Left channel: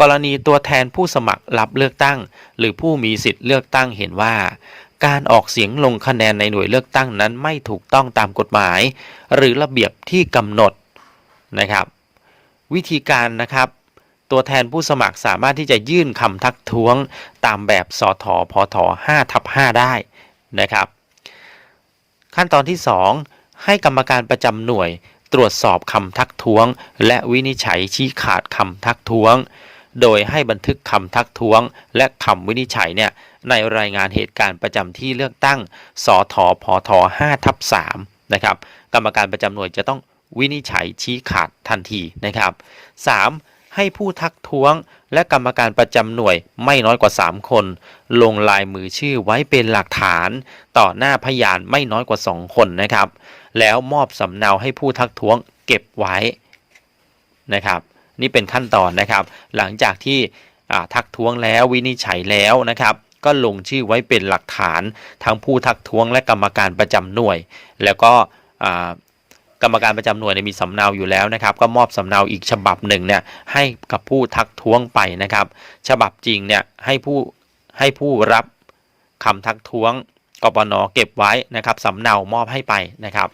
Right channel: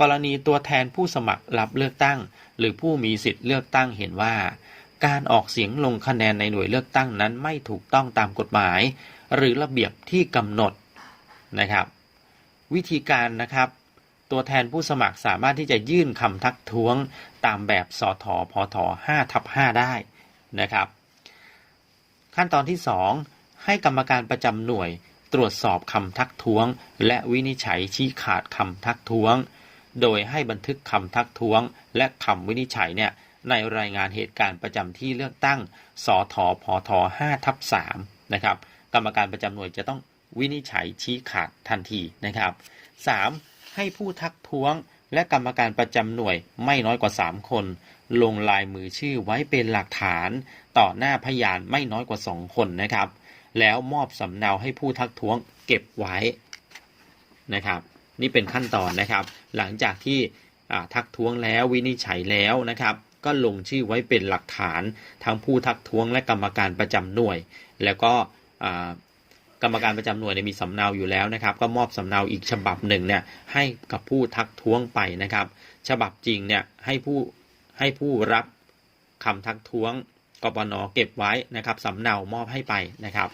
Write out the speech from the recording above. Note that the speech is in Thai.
กรณีตัวแทนผู้สมัครรับเลือกตั้ง หรือผู้มีสิทธิ์เลือกตั้งเห็นว่า การออกเสียงลงคะแนนในหน่วยเลือกตั้งนั้นไม่ถูกต้องตามกฎหมาย หรือระเบียบที่กำหนดนะครับ วิธีการนะครับ ตัวแทนผู้สมัครสามารถที่จะยื่นคำทักท้วงตามแบบสทพท5ทับ5ได้นะครับ ขั้นตอนที่ 2 ให้กรรมการประจำหน่วยตรวจสอบคำทักท้วง และวินิจฉัยชี้ขาดคำทักท้วง โดยให้บันทึกคำทักท้วง และคำวินิจฉัยเนี่ยในรายงานเหตุการณ์ประจำที่เลือกตั้ง สทพท5ทับ3นะครับ กรรมการประจำหน่วยจะต้องวินิจฉัยชี้ขาดทันทีนะครับ 3. ให้ผู้ทักท้วงและกรรมการประจำหน่วยไม่น้อยกว่า 3 คน ลงลายมือชื่อไว้เป็นหลักฐาน ต่อหน้าพยานไม่น้อยกว่า 2 คนนะครับ แล้วมอบสำเนาให้ผู้ทักท้วงเก็บไว้นะครับ นี่เป็นขั้นตอนนะครับ หลังจากที่ทักท้วงแล้ววินิจฉัยแล้วนะครับ ก็ลงชื่อไว้เป็นหลักฐานทั้งผู้ทักท้วงและกรรมการประจำหน่วย แล้วก็กรรมการประจำหน่วยเนี่ยมีสำเนาอยู่แล้วนะครับ ก็มอบสำเนาอีกฉบับหนึ่งเนี่ยให้กับผู้ทักท้วงไปนะครับ ฉบับจริงเนี่ยให้ผู้ให้ผู้รับคำทักท้วงกปนเก็บไว้นะครับสำเนามอบให้ไปนะครับ